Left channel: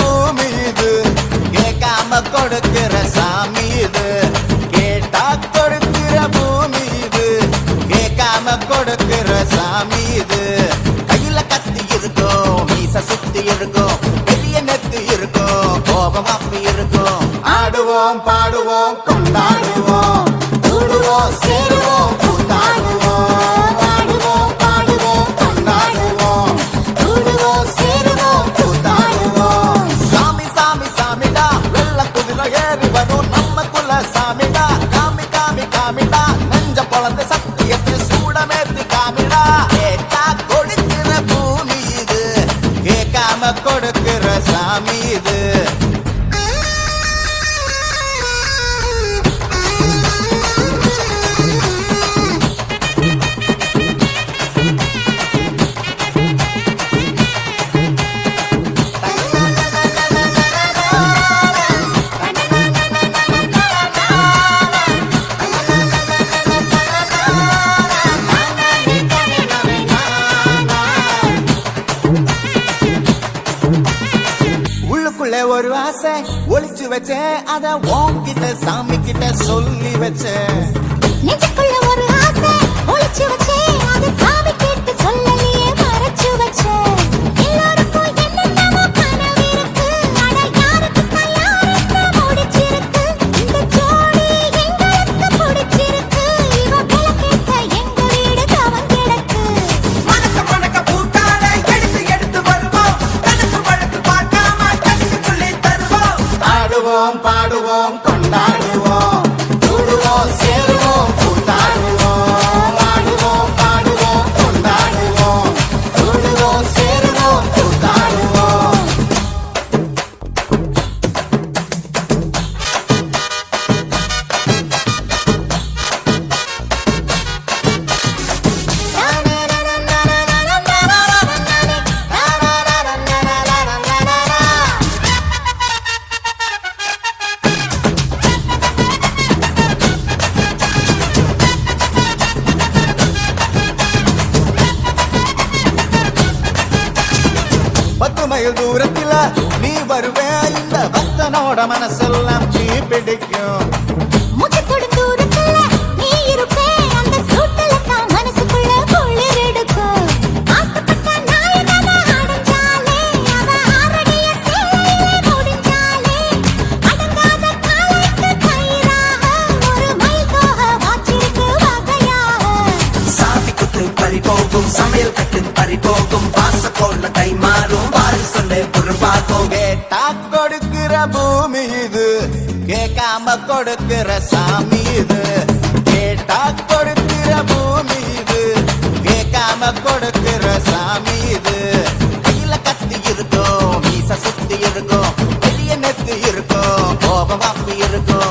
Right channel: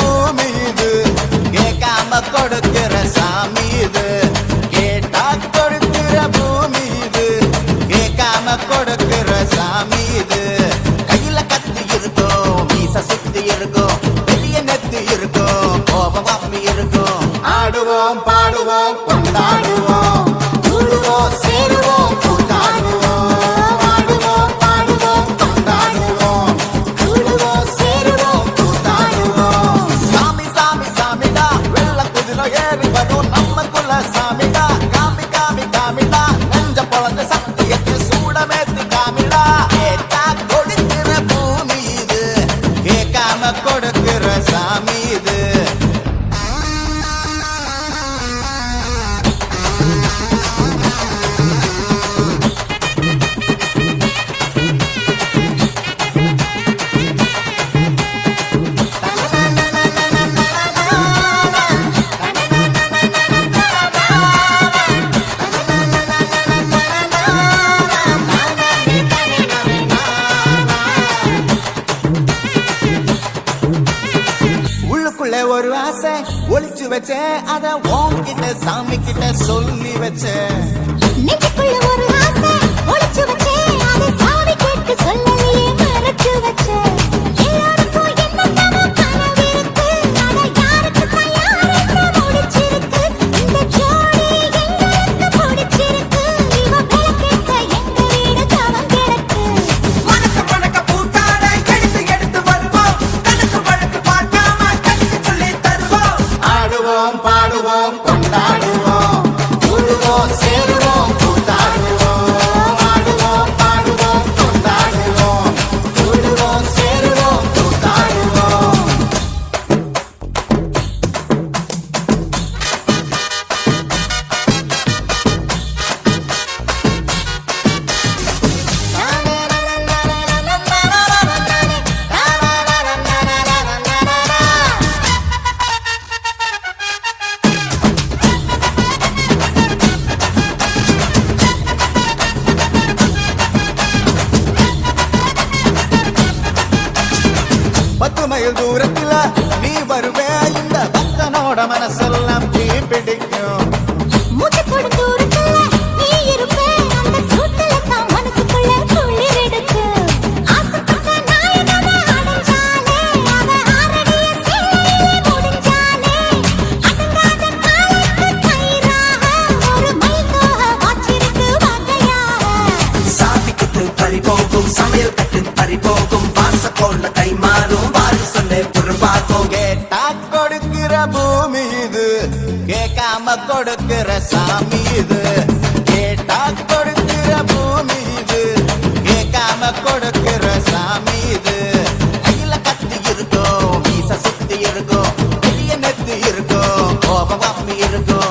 பூமி இது, கேட்காம கொடுக்கிற சாமி இது. கேட்டா கொடுக்கிற பூமி இது, கேட்காம கொடுக்கிற சாமி இது. கையில கத்தி இருக்கும், மீச சுத்தி இருக்கும், பெரிய நெத்தி இருக்கும், கோபம் அப்பி இருக்கும். ஆடுவோம் பாடுவோம் கொண்டாடுவோம், கூடுவோம் சேருவோம் கூத்தாடுவோம். ஆடுவோம் பாடுவோம் கொண்டாடுவோம், கூடுவோம் சேருவோம் கூத்தாடுவோம். சாமி சாமி சாமிடா, வெள்ள குதிரை ஏறி வரும் நம்ம குல சாமிடா. காமி காமி காமிடா, நெஞ்ச பொழந்த சத்தியத்தை சூடமேத்தி காமிடா. கேட்டா கொடுக்கிற பூமி இது, கேட்காம கொடுக்கிற சாமி இது. உள்ளுக்குள்ள ஒரு ஆசை ஒளிச்சு வச்சேன், அத உன்கிட்ட சாமி கிட்ட சொல்லி வச்சேன். நெஞ்சுக்குள்ள ஒரு ஆசை ஒளிச்சு வச்சேன், அதை சாமி கிட்ட சொல்லலையே மறைச்சு வச்சேன். எல்லாருக்கும் என்னென்னமோ கனவு இருக்கு, ஆனா யாருக்கு கல்யாணம் முடிச்சிருக்கு. இந்த ஜோடி எங்களுக்கு பிடிச்சிருக்கு, இவ கிழக்கிட்ட எங்க வீடு தவம் கிழக்கு. வணக்க வணக்க பூத்தாட எடுத்து எடுத்து வருவோம், கணக்கு வழக்கு பார்க்காம கணக்கு சொல்லி தருவோம். ஆடுவோம் பாடுவோம் கொண்டாடுவோம், கூடுவோம் சேருவோம் கூத்தாடுவோம். ஆடுவோம் பாடுவோம் கொண்டாடுவோம், கூடுவோம் சேருவோம் கூத்தாடுவோம். பத்து மைல் தூரத்தில நீ வருவே, இந்த பக்தனோட மனசெல்லாம் தீ பிடிக்கும். மூச்சுக்குள்ள தூரத்துல நீ இருப்பே, அந்த சூட்டுல நான் மனசுக்குள்ள குளிர் எடுக்கும். ஆசைப்பட்ட நாயகனை அடைஞ்சாலே, அவ ஆரடிய சீலையில முடிஞ்சாலே. அடங்காத காலைக்கு கயிறாக, ஒரு மைல்தோக வாச்சிருக்கு வகையாக. சாதி குத்து பறி போகும், சமையல் கட்டு பறி போகும், வாச போல கை மாறும், வாரி சொல்ல உருவாகும். கேட்டா கொடுக்கிற பூமி இது, கேட்காம கொடுக்கிற சாமி இது. கேட்டா கொடுக்கிற பூமி இது, கேட்காம கொடுக்கிற சாமி இது. கையில கத்தி இருக்கும், மீச சுத்தி இருக்கும், பெரிய நெத்தி இருக்கும், கோபம் அப்பி இருக்கும்.